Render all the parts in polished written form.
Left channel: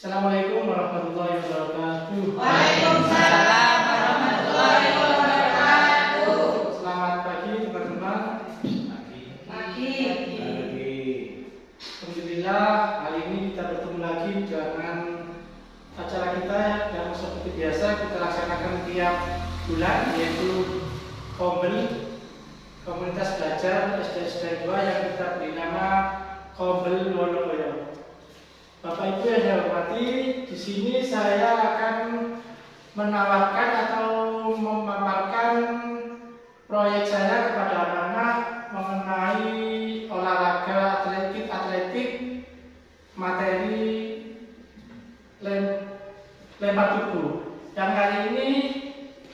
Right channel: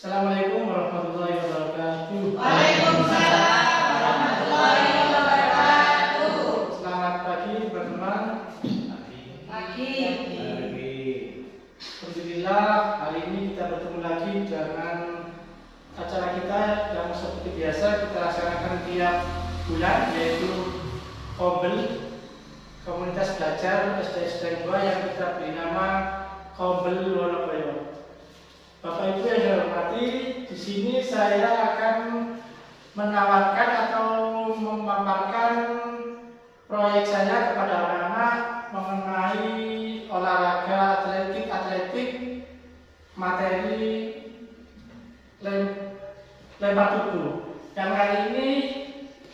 Assalamualaikum warahmatullahi wabarakatuh. Waalaikumsalam warahmatullahi wabarakatuh. Selamat pagi teman-teman. Pagi. Alhamdulillah hari ini kita bertemu lagi dengan acara kita yang seperti biasa kita laksanakan tiap bulan, yaitu Kombel Komunitas Belajar SD 2 yang kita beri nama Kombel Wonoboyo. Bapak Ibu yang saya hormati, di sini saya akan menawarkan atau memaparkan proyek saya kepada anak-anak mengenai olahraga atletik materi lempar tubuh. Yang kali ini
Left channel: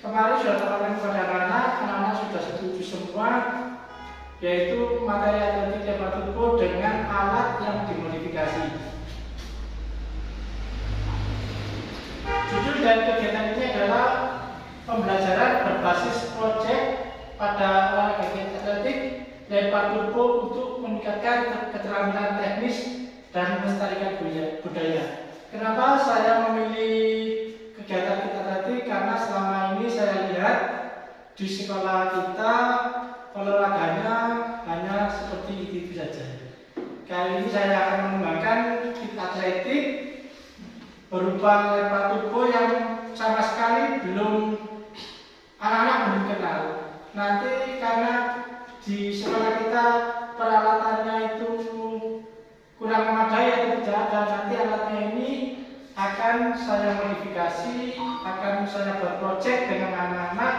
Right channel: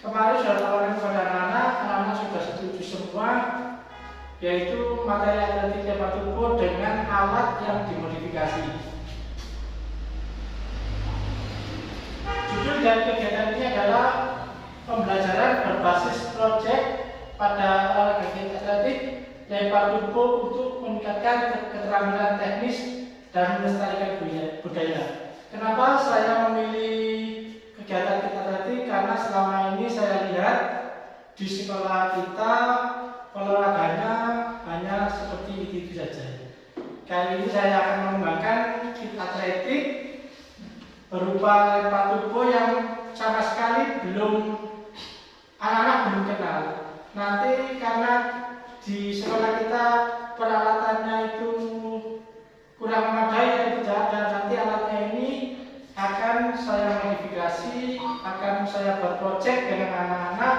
kemarin sudah tawarkan kepada anak-anak sudah setuju semua, yaitu materi atletik lempar tubuh dengan alat yang dimodifikasi. Judul dari kegiatan ini adalah pembelajaran berbasis proyek pada olahraga atletik lempar tubuh untuk meningkatkan keterampilan teknis dan melestarikan budaya. Kenapa saya memilih kegiatan atletik? Karena selama ini saya lihat di sekolah kita olahraganya hanya seperti itu saja. Kali ini saya akan mengembangkan atletik berupa lempar tubuh yang sama sekali anak-anak belum kenal. Nanti karena di sekolah kita peralatannya itu kurang memadai atau tidak ada, nanti alatnya ini akan saya modifikasi, akan saya buat proyek dengan anak-anak,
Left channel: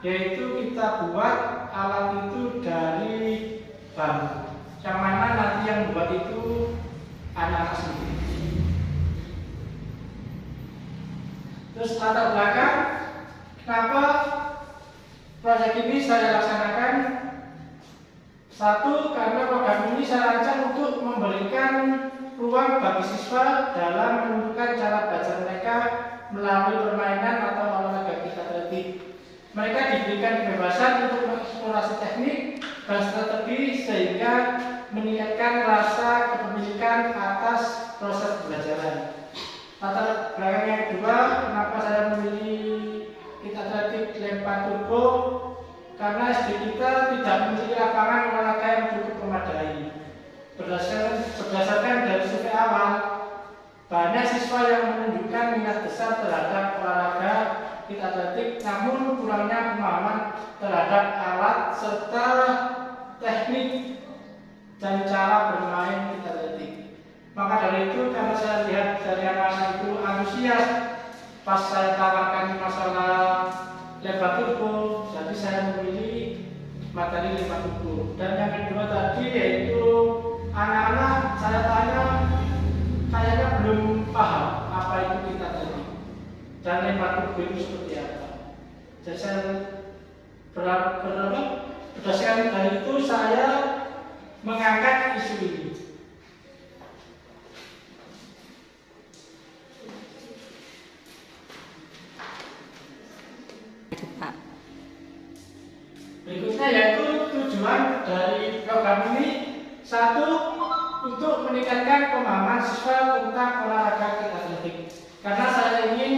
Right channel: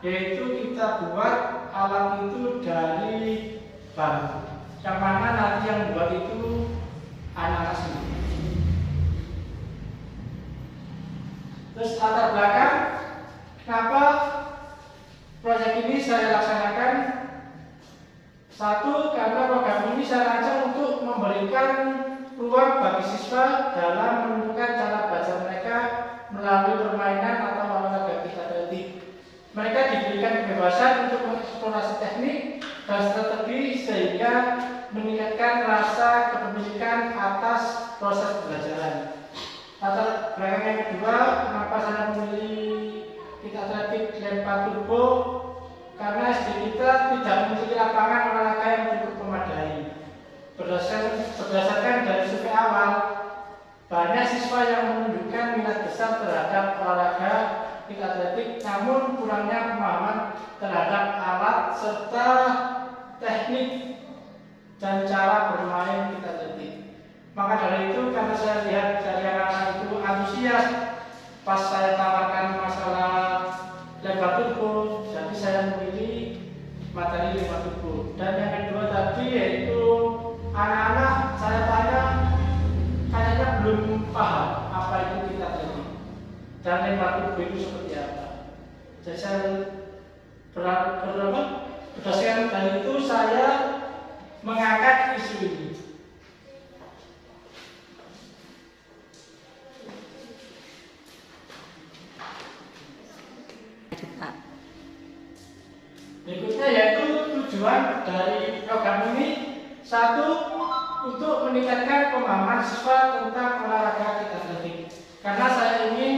yaitu kita buat alat itu dari bambu, yang mana nanti yang buat itu anak-anak sendiri. Terus latar belakang kenapa proyek ini saya laksanakan? Satu, karena program ini saya rancang untuk memberikan ruang bagi siswa dalam menentukan cara belajar mereka melalui permainan atau olahraga atletik. Mereka diberikan kebebasan untuk mengeksplorasi teknik dan strategi sehingga meningkatkan rasa kepemilikan atas proses pembelajaran. Latar belakang yang kedua, kenapa saya memilih atletik lempar tubuh? Karena SD kita tidak memiliki lapangan olahraga yang cukup memadai. Berdasarkan dari survei awal, banyak siswa yang menunjukkan minat besar terhadap olahraga atletik, namun kurangnya pemahaman terhadap alat serta teknik dan cara bermain atletik. Maka dari itu, karena saya lihat dari anak-anak itu antusias pas saya tawarkan masalah lempar tubuh, jadi saya memilih materi lempar tubuh. Dan yang kedua tadi yaitu anak-anak saya tanya kayaknya belum paham apa itu atletik dan lempar tubuh itu seperti apa. Jadi saya berdasarkan dari itu saya mengangkat isu ini. Berikutnya yaitu tujuan dari program ini. Satu, untuk meningkatkan pemahaman siswa tentang olahraga atletik. Karena saya ingin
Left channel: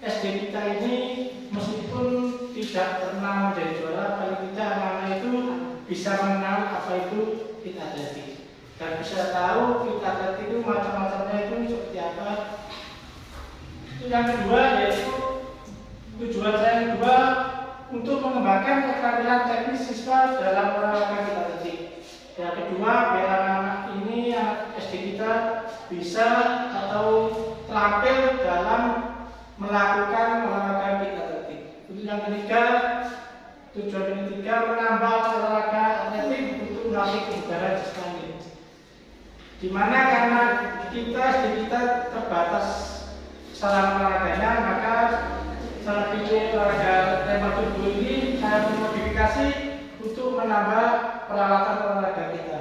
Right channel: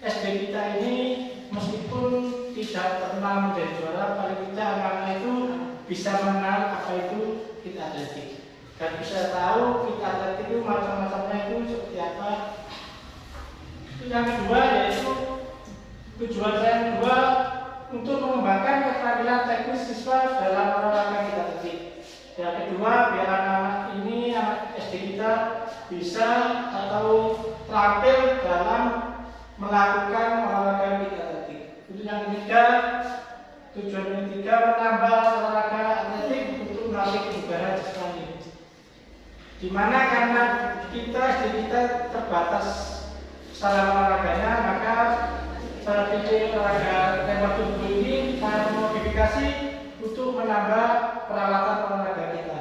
SD kita ini meskipun tidak pernah menjadi juara, paling tidak anak-anak itu bisa mengenal apa itu atletik dan bisa tahu atletik itu macam-macamnya itu seperti apa. Yang kedua yaitu tujuan saya yang kedua, untuk mengembangkan keterampilan teknis siswa dalam olahraga atletik. Yang kedua, biar anak-anak ini, anak SD kita bisa atau terampil dalam melakukan olahraga atletik. Yang ketiga, tujuan ketiga, menambah olahraga atletik untuk melatih kebugaran siswanya. Dimana karena SD kita terbatas salah olahraganya, maka saya pilih olahraga lempar tubuh ini saya memodifikasi untuk menambah peralatan olahraga kita.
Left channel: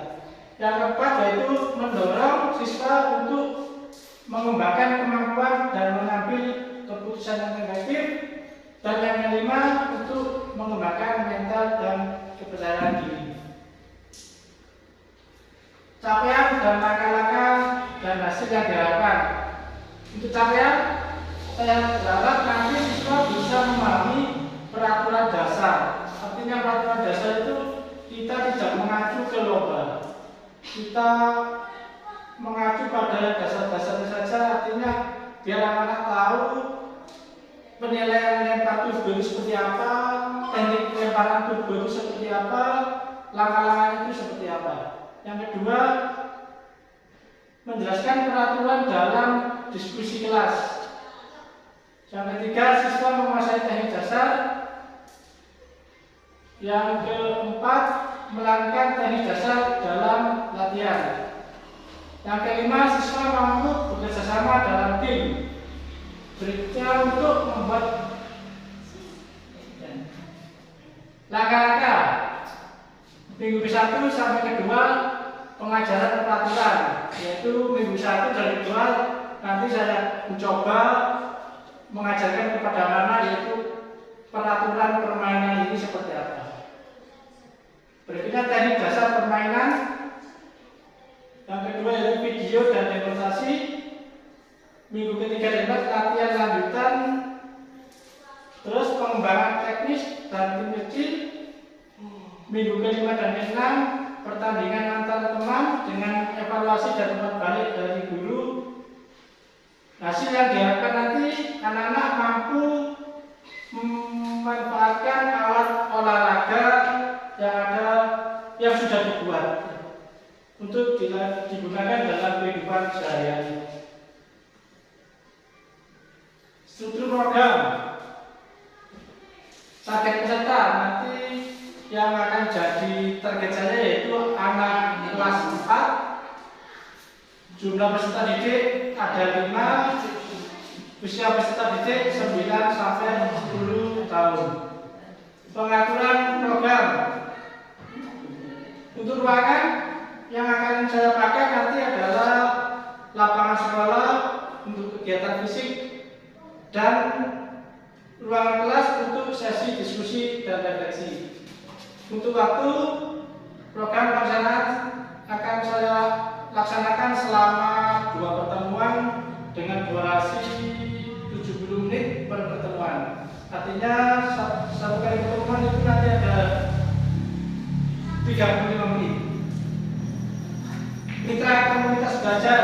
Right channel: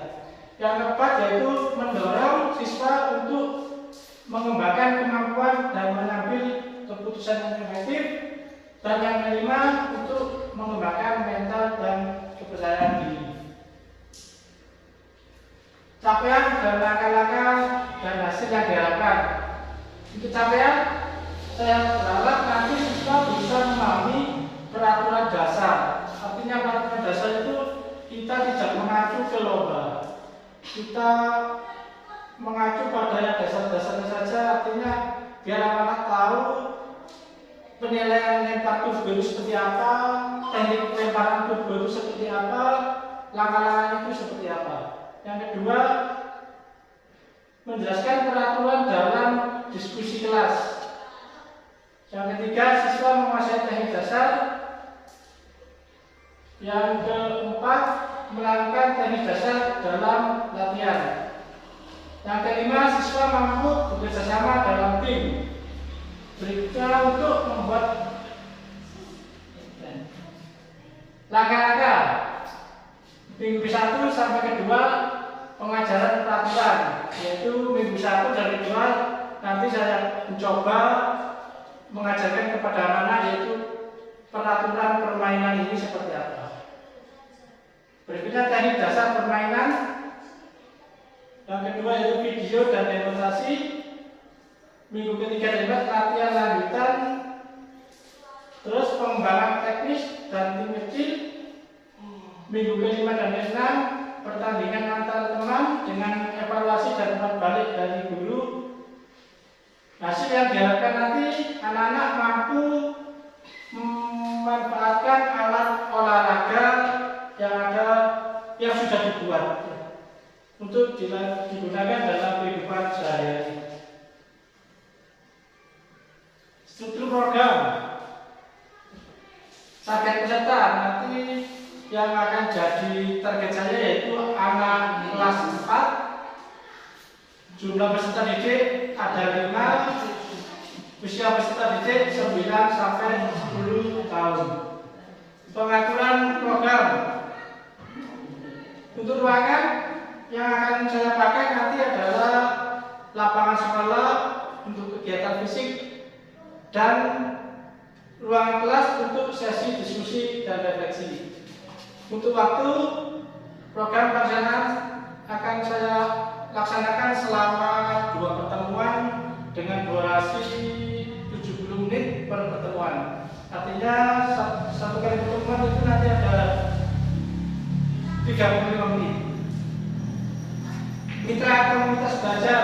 Yang keempat yaitu mendorong siswa untuk mengembangkan kemampuan dan mengambil keputusan yang efektif. Dan yang kelima untuk mengembangkan mental dan kepercayaan diri. Capaian dan langkah-langkah dan hasil yang diharapkan. Untuk capaian, saya berharap nanti siswa bisa memahami peraturan dasar. Artinya peraturan dasar itu kita tidak mengacu ke lomba, kita mengacu pada yang dasar-dasarnya saja. Artinya biar anak-anak tahu penilaian lempar turbo itu seperti apa, teknik lemparan turbo itu seperti apa, langkah-langkah itu seperti apa. Yang kedua, menjelaskan peraturan dalam diskusi kelas. Yang ketiga, siswa menguasai teknik dasar. Yang keempat, melakukan teknik dasar dalam latihan. Yang kelima, siswa mampu bekerja sama dalam tim. Berikutnya untuk membuat langkah-langkah minggu 1 sampai ke 2 pengajaran peraturan, yaitu minggu 1 dan 2 nanti saya mencoba mengajarkan kepada anak-anak yaitu peraturan permainan ini seperti apa. Berikutnya teknik dasar permainan. Yang kedua yaitu video dan demonstrasi. Minggu ketiga dan 4 latihan lanjutan. Terus pengembangan teknis dan tim kecil. Minggu ke-5 dan ke-6 pertandingan antar teman dengan evaluasi dan umpan balik dari guru. Hasil yang diharapkan nanti anak-anak mampu memanfaatkan alat olahraga yang sudah dibuat untuk digunakan dalam kehidupan sehari-hari. Struktur program, target peserta nanti yang akan jadi target saya yaitu anak kelas 4. Jumlah peserta didik ada 5, usia peserta didik 9 sampai 10 tahun. Pengaturan program untuk ruangan yang akan saya pakai nanti adalah lapangan sekolah untuk kegiatan fisik dan ruangan kelas untuk sesi diskusi dan refleksi. Untuk waktu, program pelaksanaan akan saya laksanakan selama 2 pertemuan dengan durasi 70 menit per pertemuan. Artinya satu kali pertemuan itu nanti ada 35 menit. Mitra komunitas belajar,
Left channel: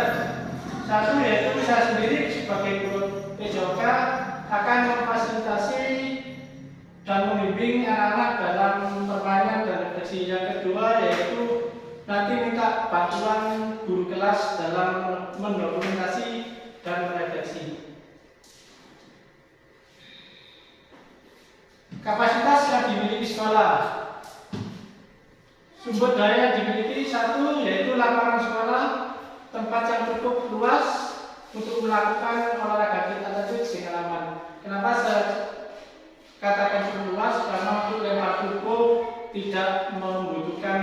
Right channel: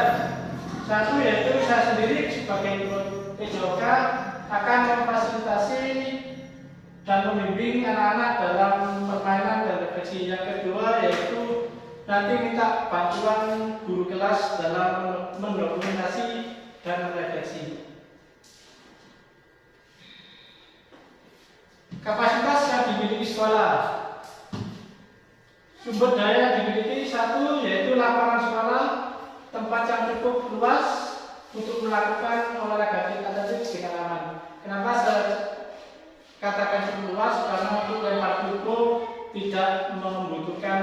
satu yaitu saya sendiri sebagai PJOK akan memfasilitasi dan membimbing anak-anak dalam permainan dan refleksi. Yang kedua yaitu nanti minta bantuan guru kelas dalam mendokumentasi dan refleksi. Kapasitas yang dimiliki sekolah. Sumber daya yang dimiliki, satu yaitu lapangan sekolah, tempat yang cukup luas untuk melakukan olahraga atletik dengan aman. Kenapa saya katakan cukup luas? Karena untuk lempar turbo tidak membutuhkan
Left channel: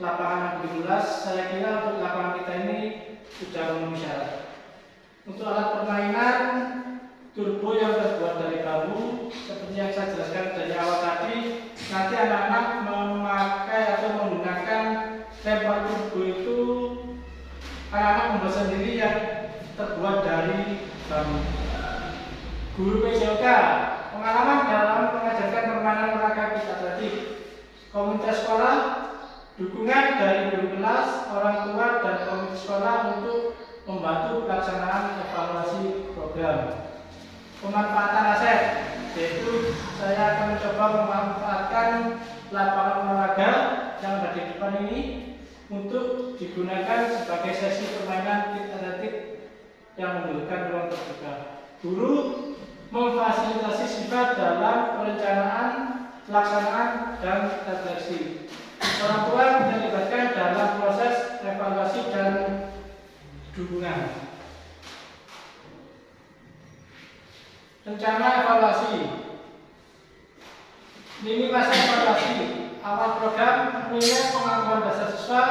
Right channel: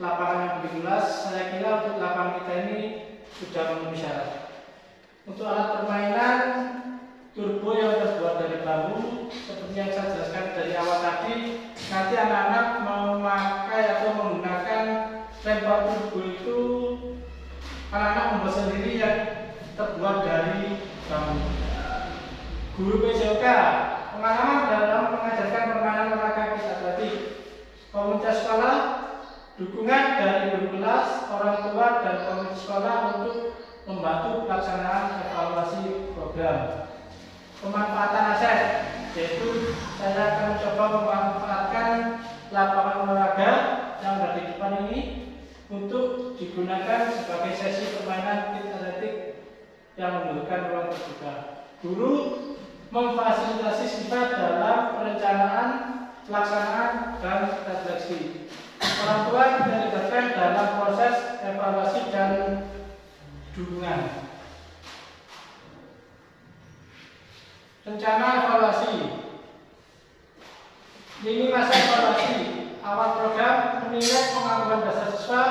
lapangan yang begitu luas. Saya kira untuk lapangan kita ini sudah memenuhi syarat. Untuk alat permainan, turbo yang terbuat dari bambu, seperti yang saya jelaskan dari awal tadi, nanti anak-anak memakai atau menggunakan lempar turbo itu, anak-anak membuat sendiri yang terbuat dari bambu. Guru PJOK, pengalaman dalam mengajarkan permainan olahraga atletik. Komunitas sekolah, dukungan dari guru kelas, orang tua, dan komunitas sekolah untuk membantu pelaksanaan evaluasi program. Pemanfaatan aset, yaitu saya akan mencoba memanfaatkan lapangan olahraga yang ada di depan ini untuk digunakan sebagai sesi permainan atletik yang membutuhkan ruang terbuka. Guru memfasilitasi siswa dalam perencanaan, pelaksanaan, dan refleksi. Orang tua dilibatkan dalam proses evaluasi dan dukungan. Rencana evaluasi. Ini masa evaluasi. Awal program menilai kemampuan dasar siswa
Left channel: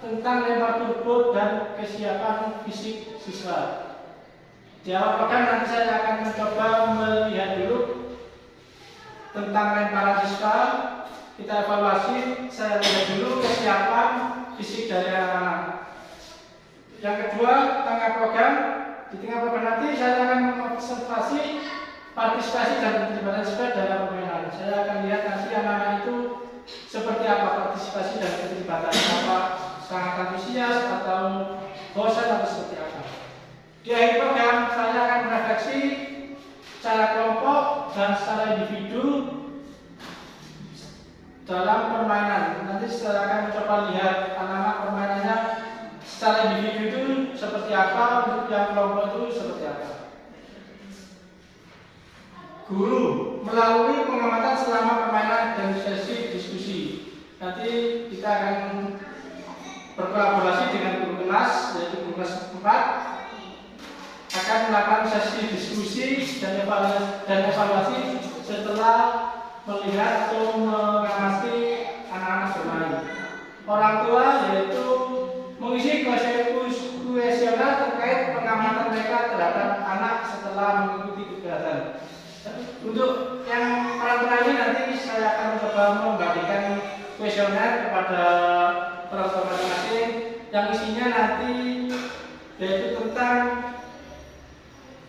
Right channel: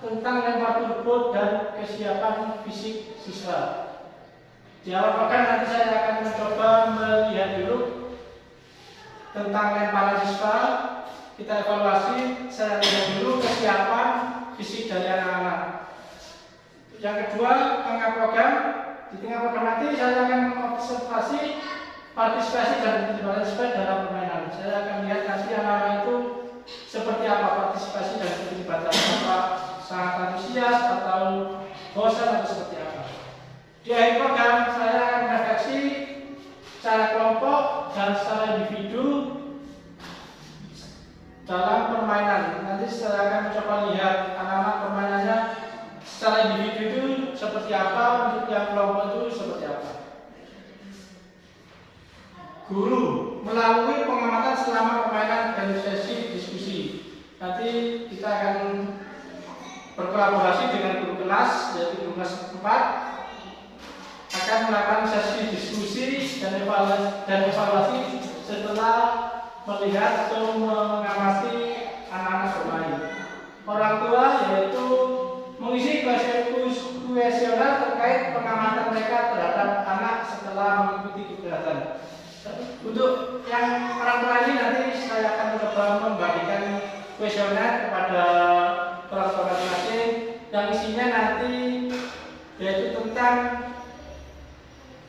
tentang lempar turbo dan kesiapan fisik siswa. Di awal program nanti saya akan mencoba melihat dulu tentang lemparan siswa. Kita evaluasi, saya lihat dulu kesiapan fisik dari anak-anak. Yang kedua, tengah program di tengah program nanti saya akan mengobservasi partisipasi dan keterlibatan siswa dalam permainan. Saya akan lihat nanti anak-anak itu seperti apa partisipasi dan keterlibatan, apakah sangat antusias atau bosan atau seperti apa. Di akhir program saya akan merefleksi secara kelompok dan secara individu dalam permainan. Nanti saya akan coba lihat anak-anak permainannya secara individu itu seperti apa, untuk yang kelompok itu seperti apa. Guru melalui pengamatan selama permainan dan sesi diskusi. Nanti kita akan berkolaborasi dengan guru kelas, yaitu guru kelas 4, akan melakukan sesi diskusi dan evaluasi setelah melihat atau mengamati anak-anak bermain. Orang tua yaitu mengisi kuesioner terkait pengamatan mereka terhadap anak setelah mengikuti kegiatan. Untuk yang orang tua ini nanti saya akan coba membagikan kuesioner kepada orang tua masing-masing yang isinya nanti yaitu tentang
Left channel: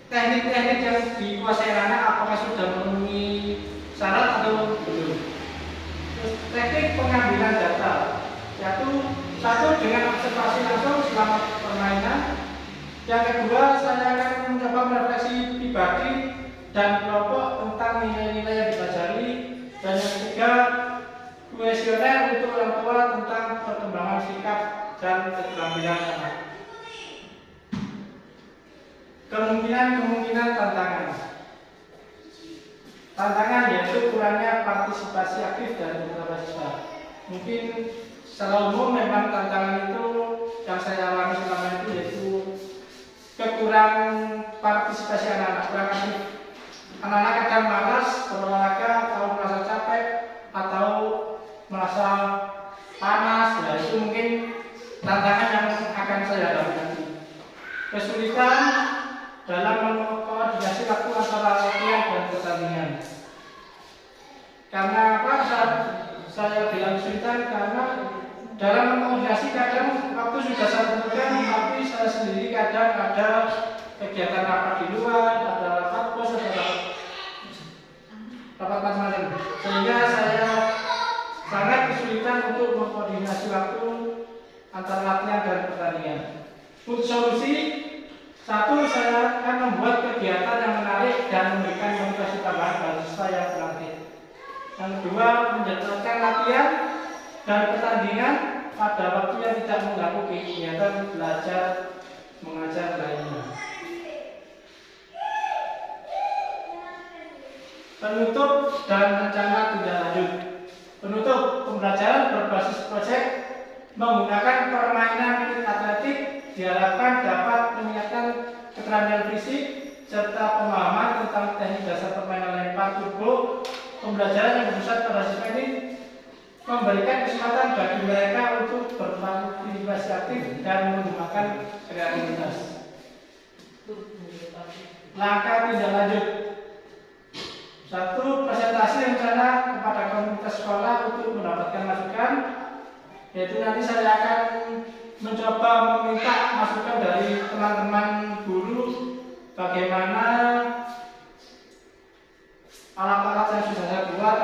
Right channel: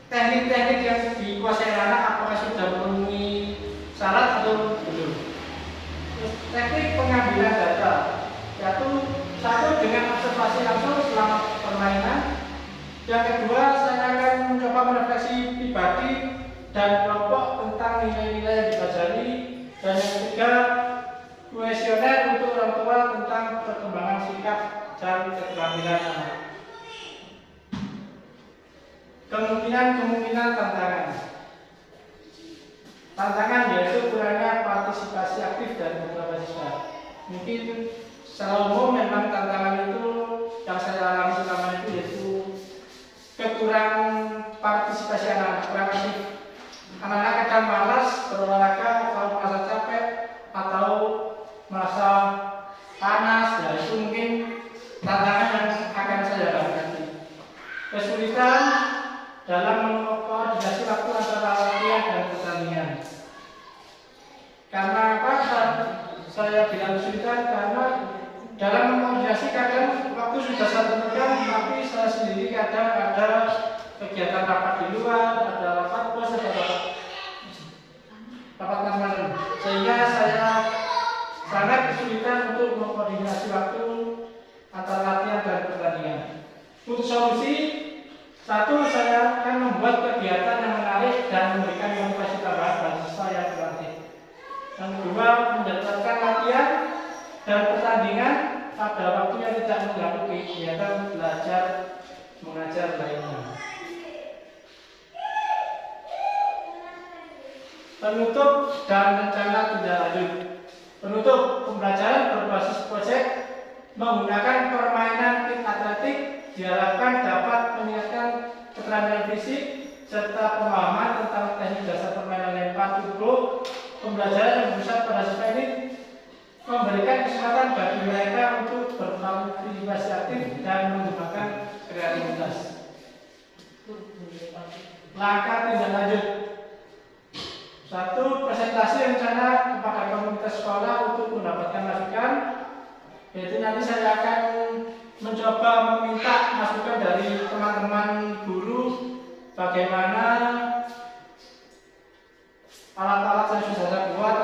teknik-teknik yang dikuasai anak, apakah sudah memenuhi syarat atau belum. Teknik pengambilan data yaitu satu dengan observasi langsung selama permainan. Yang kedua saya akan mencoba merefleksi pribadi dan kelompok tentang nilai-nilai yang dipelajari. Dan yang ketiga kuesioner untuk orang tua tentang perkembangan sikap dan keterampilan anak. Kemungkinan tantangan. Tantangan yaitu kurangnya partisipasi aktif dari beberapa siswa. Mungkin secara umum memang tantangan itu yang saya alami selama itu yaitu kekurangan partisipasi anak-anak, kurang aktif. Anak-anak kadang malas berolahraga atau merasa capek atau merasa panas, ya itu mungkin tantangan yang akan saya hadapi nanti. Kesulitan dalam mengkoordinasi waktu antara latihan dan pertandingan. Karena apa? Saya bilang kesulitan karena dalam mengkoordinasi kadang waktu sudah saya tentukan, tapi saya sendiri kadang ada kegiatan rapat di luar, ada rapat pos, ada rapat macam-macam, sehingga saya sangat kesulitan untuk mengkoordinasi waktu antara latihan dan pertandingan. Untuk solusi, satu, saya akan membuat kegiatan yang menarik dan memberikan motivasi tambahan bagi siswa yang berlatih. Yang kedua, menjadwalkan latihan dan pertandingan pada waktu yang tidak mengganggu kegiatan belajar mengajar lainnya. Penutup dan rencana tindak lanjut. Penutup pembelajaran berbasis proyek menggunakan permainan atletik diharapkan dapat meningkatkan keterampilan fisik serta pemahaman tentang teknik dasar permainan lempar tubuh. Pembelajaran yang berpusat pada siswa ini memberikan kesempatan bagi mereka untuk berpartisipasi aktif dan mengembangkan kreativitas. Langkah tindak lanjut. Satu, presentasi rencana kepada komunitas sekolah untuk mendapatkan masukan. Yaitu nanti saya akan mencoba meminta masukan dari teman-teman guru bagaimana alat-alat yang sudah saya buat,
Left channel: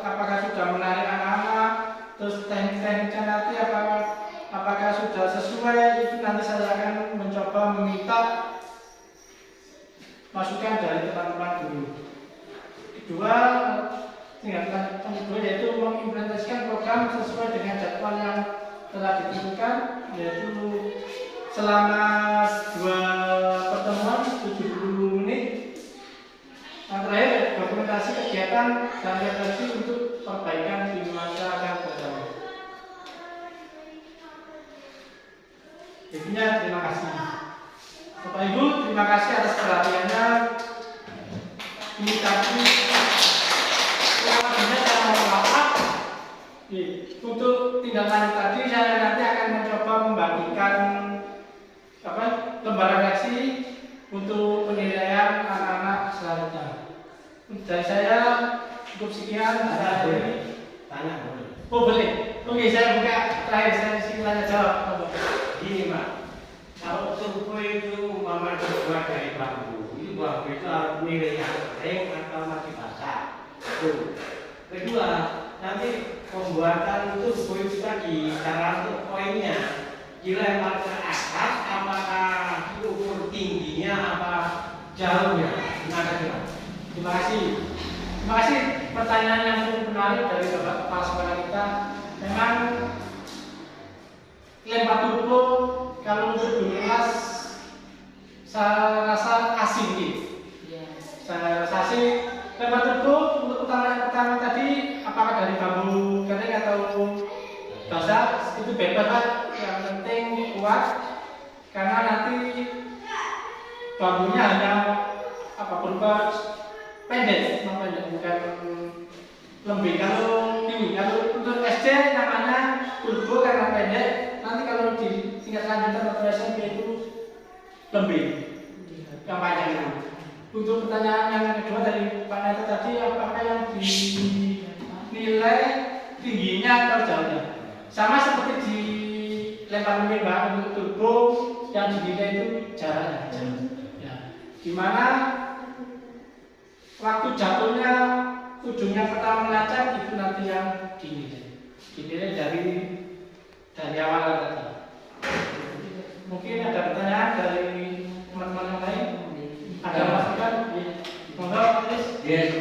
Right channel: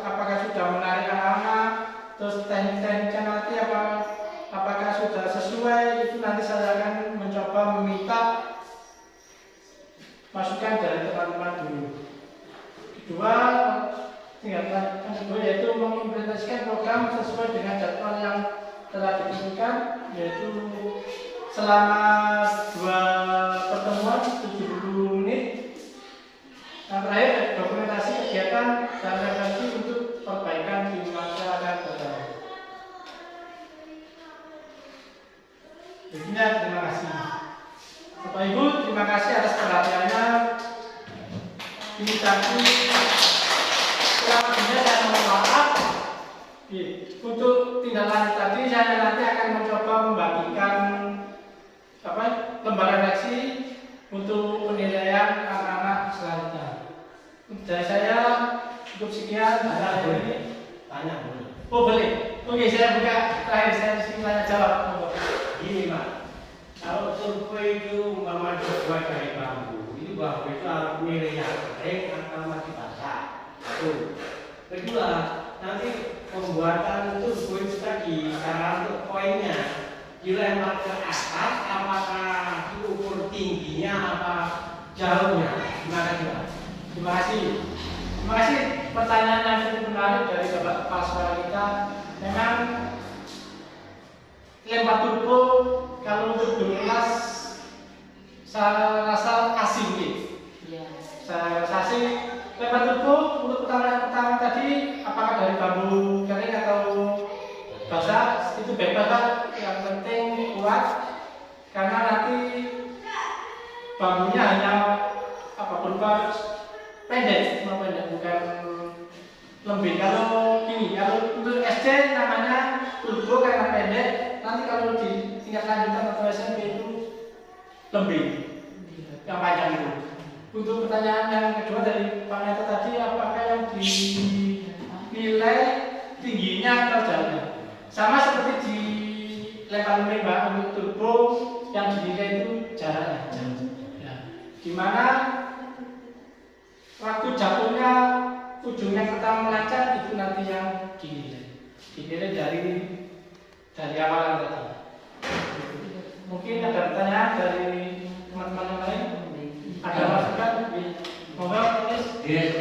apakah sudah menarik anak-anak, terus teknik-tekniknya nanti apakah sudah sesuai. Itu nanti saya akan mencoba meminta masukan dari teman-teman guru. Kedua, yang kedua yaitu mengimplementasikan program sesuai dengan jadwal yang telah ditentukan, yaitu selama 2 pertemuan 70 menit. Yang terakhir, dokumentasi kegiatan dan refleksi untuk perbaikan di masa akan datang. Intinya terima kasih. Bapak Ibu, terima kasih atas perhatiannya. Ini tadi kurang dan mohon maaf. Untuk tindak lanjut tadi saya nanti akan mencoba membagikan lembar refleksi untuk penilaian anak-anak selanjutnya. Dari saya cukup sekian. Tanya boleh? Oh boleh. Oke, saya buka terakhir, saya singkat tanya jawab. Gini Mak, kalau survei itu umpama terbuat dari bambu, itu bambu itu harus nilainya kering atau masih basah. Satu. Kedua, nanti pembuatan turbo itu tadi cara untuk koinnya dilempar ke atas, apakah diukur tingginya apa jauhnya? Gimana coba? Terima kasih. Terima kasih pertanyaan yang cukup menarik dari Bapak Kepala Sekolah kita. Memang lempar turbo kalau untuk berkelas saya rasa asing gitu. Saya rasa asing lempar turbo untuk pertama tadi apakah dari bambu kering atau basah itu bebas kan, yang penting kuat karena nanti bambunya hanya berupa pendek, cuma pendek bukan lembek. Kalau ini kalau untuk SD namanya turbo karena pendek, nanti kalau di tingkat lanjutan atau SMP itu lembek yang panjang itu. Untuk pertanyaan yang kedua dari Pak Neto tadi, apakah yang dinilai tingginya atau jauhnya? Sama seperti di lempar menembak untuk turbo yang dinilai itu jaraknya. Ya. Dimana waktu jatuhnya ujung yang pertama melacak itu nanti yang dinilai dari awal tadi. Mungkin ada pertanyaan dari teman-teman yang lain? Ada masukan? Monggo, Mas. Dia